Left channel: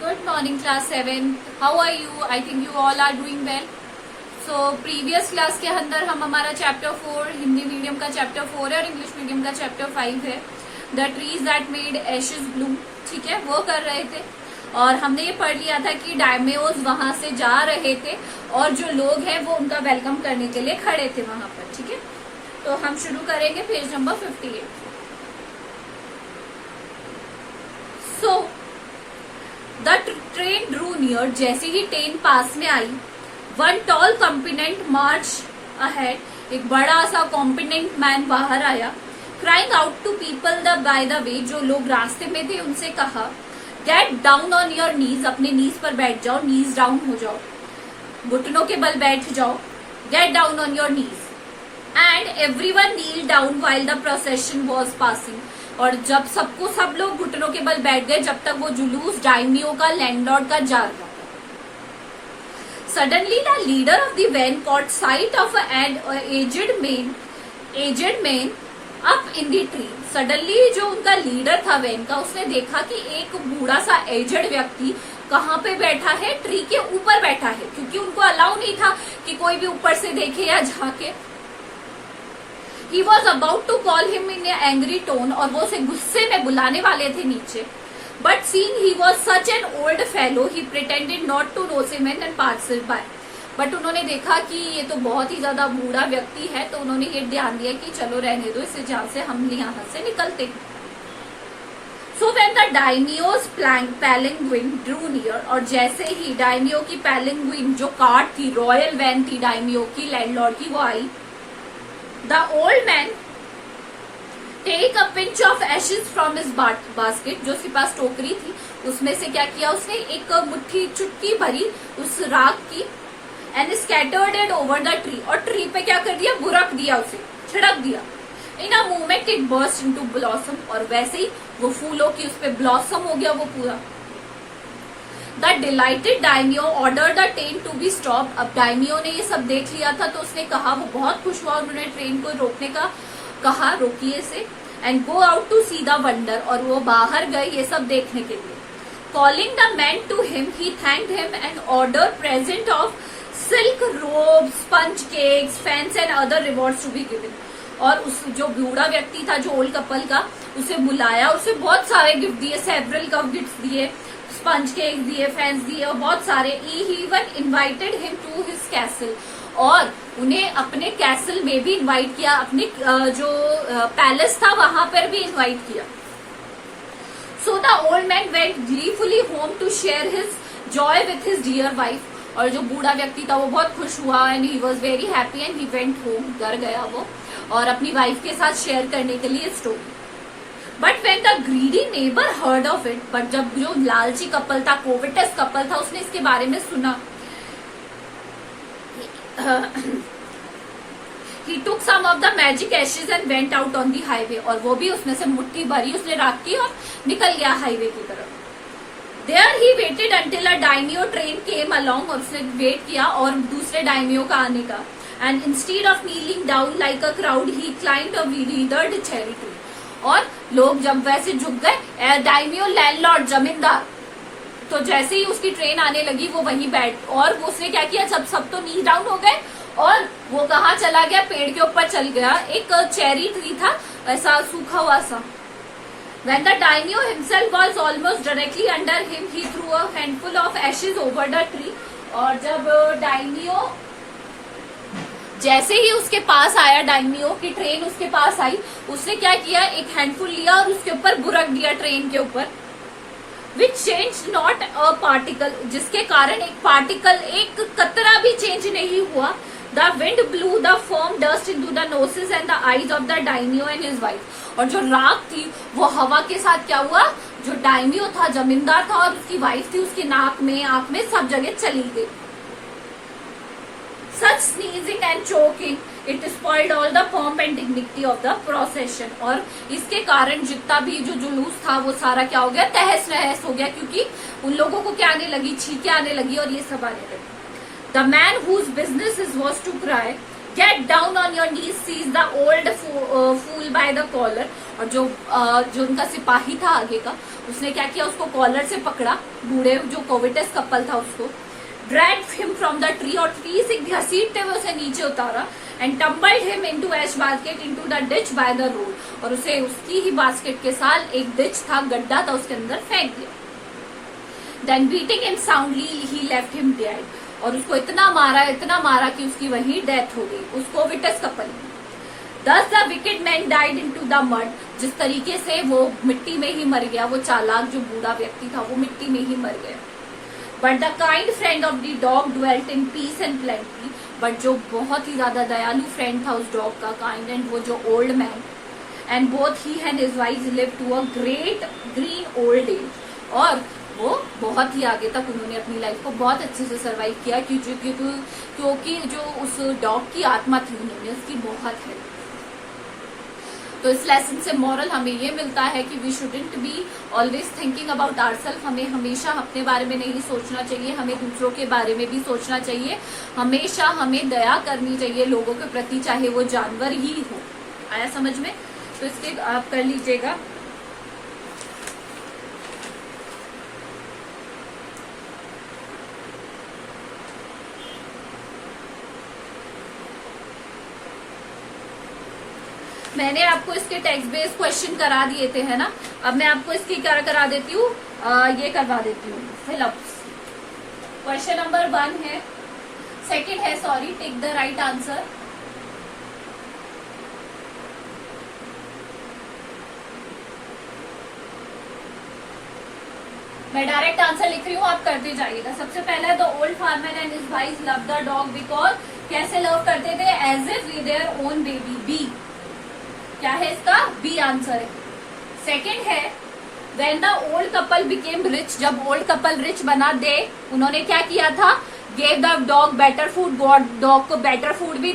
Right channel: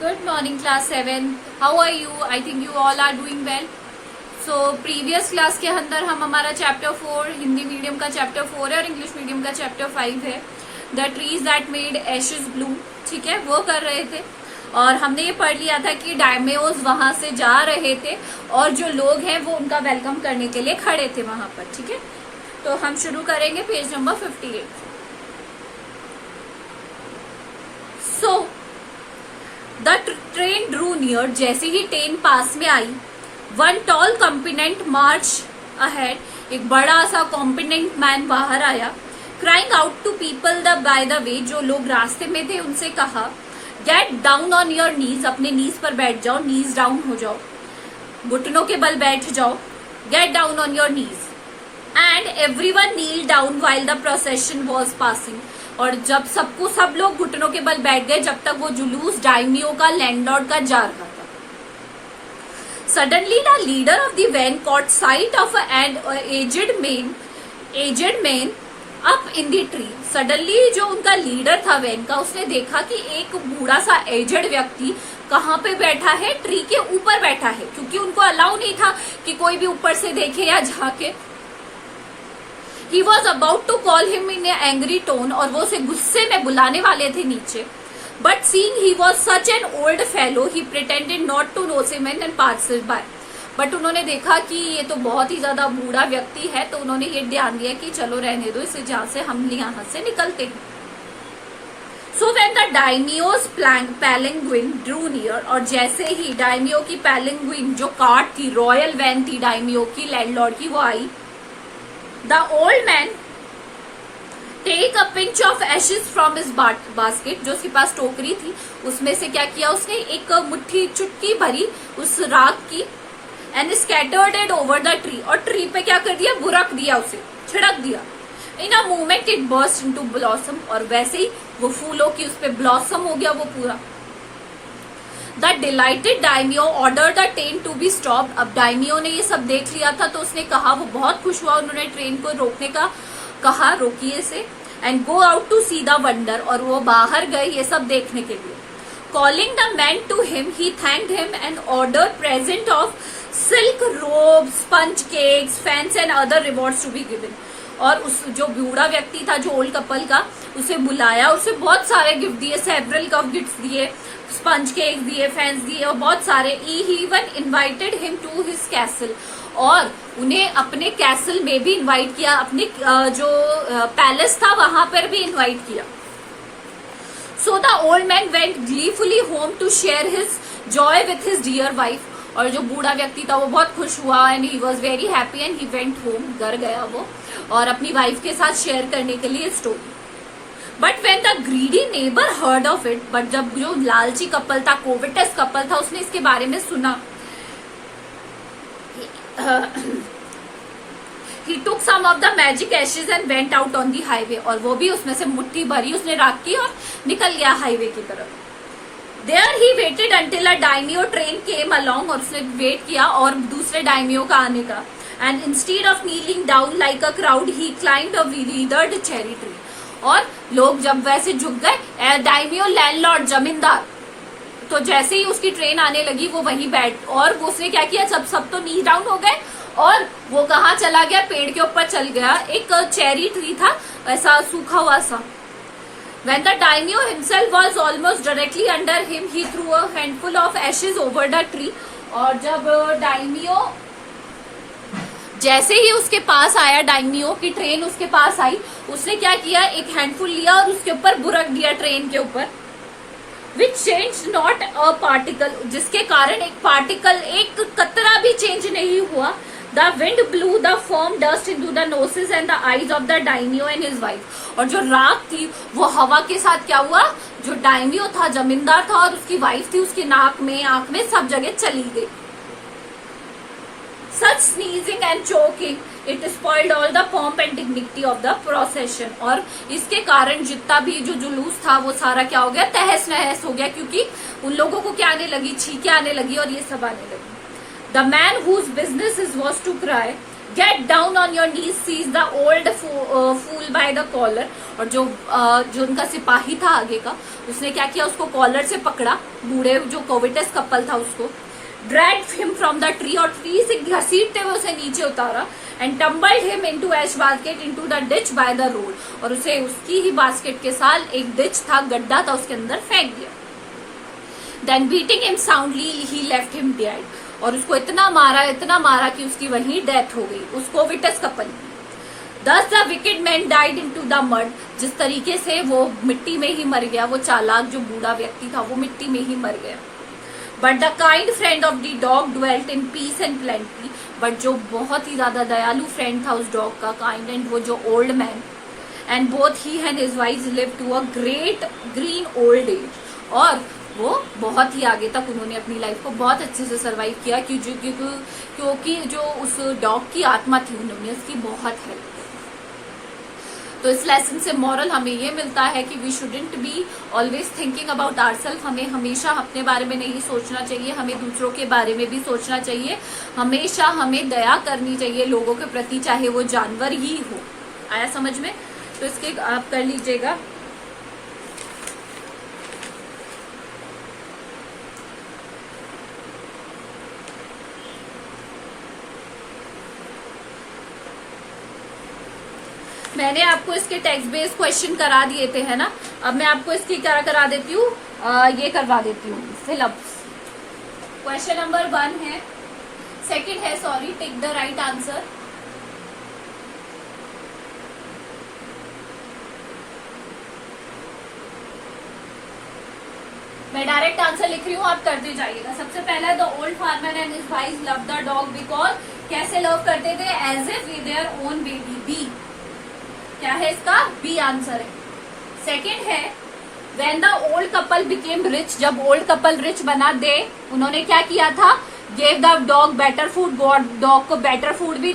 Good morning, class 7. How are you? I think you all are doing well. So, previous class के अंदर हम हमारा chapter 4 Hindi medium का chapter 4 है और इंग्लिश मीडियम का चैप्टर 5 है. The trees that made ashes Bloom. ठीक है, वो कर रहे थे और हमने ये पढ़ लिया था कि डायमेओज वहां से जा रहे थे और जो लोग हैं वो उनका वेलकम करने के लिए खड़े थे वहां पर. ठीक है, तो हम शुरू करेंगे page number 58. So the train drew near. जैसे ही ट्रेन पास में आई, one tall component march ahead. एक बड़ा सा कॉम्पिनेंट मैन बाहर आया. Crying out to people the by the way. जो लोग रास्ते में थे उनसे कहा, get down on your knees. अपने नीज पर बैठ जाओ, नीज डाउन हो जाओ, घुटनों के बल बैठ जाओ. Get down on your knees. And everyone kneel down while the procession was passing. और जब सब लोग घुटनों के बल बैठ गए जब तक वो जुलूस डायमियो का, लैंडलॉर्ड का जा रहा. Suddenly the leader of the van caught sight of an aged man up in the tree. Suddenly जो उनका लीडर था वैन का, उसने देखा कि एक बूढ़ा सा एजेड व्यक्ति कहाँ पे बैठा है, ट्री के ऊपर बैठा है, क्योंकि उनको अलाउ नहीं था कि कोई भी ऊपर से देखे या झाके. He was about to call him in an angry tone, और वो उसे गुस्से में बुलाने वाले थे नीचे. But seeing he was such an old fellow, he pretended not to notice him and passed by. But उन्होंने देखा कि ये तो बहुत ही ज्यादा बूढ़ा व्यक्ति है, तो उन्होंने ये ध्यान दिया कि चलो रहने दो इसे, जहाँ से हम यहाँ से निकलते हैं. So when the daimyo's palanquin drew near, और जैसे ही डायमियो की palanquin जो कार्ट थी, रॉयल वैन थी डायमियो की, लैंडलॉर्ड की, वो आई. The old man take a pinch of ashes from his basket. जो उसके पास टोकरी थी उसमें से क्या किया उसने, एक मुट्ठी चुटकी भरी उस राख की, and scattered it over the tree. और ट्री पे क्या कर दिया, बुरक दिया, उसे छिड़क दिया. In a moment it burst into blossom. और वैसे ही वो फूलों की उस पे ब्लॉसम हो गया वो पूरा. The delighted daimyo ordered the train to be stopped. अब डायमियो ने ये सब देख लिया था तो उसने कहा, वो बहुत खुश हुआ, उन्होंने ट्रेन को रोकने का कहा, रोकिए इसे. And go out to see the wonder. और वो बाहर गए ये सब देखने के लिए. Calling the man to him, he thanked him and ordered present of silk robes, sponge cakes, fans and other rewards to be given. और उस जो बूढ़ा व्यक्ति था, जो ओल्ड कपल का, उसे बुलाया, उसे बहुत सारे गिफ्ट दिए, सेवरल गिफ्ट दिए, स्पंज केक दिए, फैंस दिए और बहुत सारे. He even invited him to his castle. और उन्हें अपने कैसल में भी इनवाइट किया, अपने जो पैलेस था वहां पर भी इनवाइट किया. So the old man went gleefully home to share his joy with his dear wife. और जो बूढ़ा व्यक्ति था वो बहुत खुश हुआ and he was very happy and he went home. घर गया वो और अपनी वाइफ के साथ शेयर करने के लिए story. But when the greedy neighbour heard of it. But जब जो लालची कपल था, कोविटस कपल था, उसने इसके बारे में सुना, he took some of the magic ashes and went out on the highway. और वो भी उसमें से मुट्ठी भरी उसने राख की और निकल गया हाईवे की तरफ. There he waited until a daimyo train came along. और उसने वेट किया और दूसरे डायमियो का आने का. And instead of kneeling down like a crowd, he climbed a withered cherry tree. और लोग जब वैसे झुक गए, डायमियो लैंडलॉर्ड जमींदार, तो जैसे ही उसकी ट्रेन आने लगी वो वहीं बैठ, और उसने क्या किया, सब तो नी डाउन हो गए और वो कहाँ चला गया, पेड़ के ऊपर चल गया. एक चेरी ट्री था ऐसा सूखा हुआ सा. When the daimyo himself was almost directly under him, he threw a handful of ashes over the tree. और जब डायमियो जैसे ही उसके पास आया, डायमियो की ट्रेन उसके पास आई, उसने क्या किया, एक हैंडफुल लिया और उसके ऊपर बुरक दिया ट्रेन के ऊपर. Which change not a particle. जिसके कारण एक पार्टिकल, एक कतरा भी चेंज नहीं हुआ. The wind blew the firm dust into the noses and the eyes of the daimyo and his wife. और जो राख थी वो हवा के साथ क्या हुआ, जो डायमियो था, जमींदार था, और उसकी वाइफ थी, उसके नाक में, आंख में, सब जगह चली गई. Such sneezing and choking, it spoiled all the pomp and dignity of the procession. और इसके कारण जितना भी जो जुलूस था वो सारा क्या हो गया, तहस नहस हो गया, क्योंकि उन लोगों को क्या आने लगी, छींके आने लगी और ये सब आने लगी. The man whose business was to cry, get down on your knees, seize the old fool by the collar. और जो उनका सिपाही था आगे का, उसने क्या किया, उसको कॉलर से पकड़ा, बूढ़े जो कोविटस कपल था उसको, dragged him from the tree, और ट्री से घसीटते हुए उसे नीचे उतारा, and tumbled him into ash basket into the ditch by the road, और उसे उसकी ही बास्केट के साथ एक डिच था, गड्ढा था, उसके अंदर फेंक दिया। Then beating him soundly he left him dead, और उसको इतना मारा कि उसकी वहीं डेथ हो गई, उस कोविटस कपल में। Thus the wicked man died into the mud, जिस तरीके से वो मिट्टी में ही मर गया, वो चालाक जो बूढ़ा व्यक्ति था वो मिट्टी में ही मर गया। But the kind friend of the dog dwelt in peace and plenty, but जो बहुत ही ज्यादा दयालु फ्रेंड था उस डॉग का, काइंड एंड वो जो old man, and both he and his wife live to a great green old age, और वो बहुत ही आगे तक उन्होंने अपनी लाइफ को बहुत अच्छे से सरवाइव किया, क्योंकि जो उस डॉग की आत्मा थी उन्होंने उसकी बहुत हेल्प। तो इस लेसन से मॉरल हमें ये मिलता है कि we shouldn't be always thinking about ourself, हमें हमेशा अपने बारे में नहीं सोचना चाहिए, हमें दूसरों के बारे में भी सोचना चाहिए, हमेशा हमें दया करनी चाहिए लोगों के प्रति, चाहे वो जानवर ही हो। आया समझ में? तो इसके आप कर लीजिएगा। मैंने आपको इसके टेक्स्ट बेस्ड क्वेश्चन करा दिए थे, है ना। अब मैं आपको इसकी क्या करा देती हूँ, ये करवा देती हूँ फिलअप्स। क्वेश्चन नंबर 1 है, सेकंड है, sorry, tick the right answer. मैं डायरेक्ट आंसर लिख रही हूँ, आप करते जाइएगा। सबसे पहला, the old farmer and his wife love the dog because, कैसे लव करते थे, as if we their own baby. B क्या है इसका, बी आंसर है। सेकंड है, when the old couple became rich, जब ओल्ड कपल रिच बना, दे उन्होंने क्या किया था, gave the dog better food, dog को बेटर फूड भी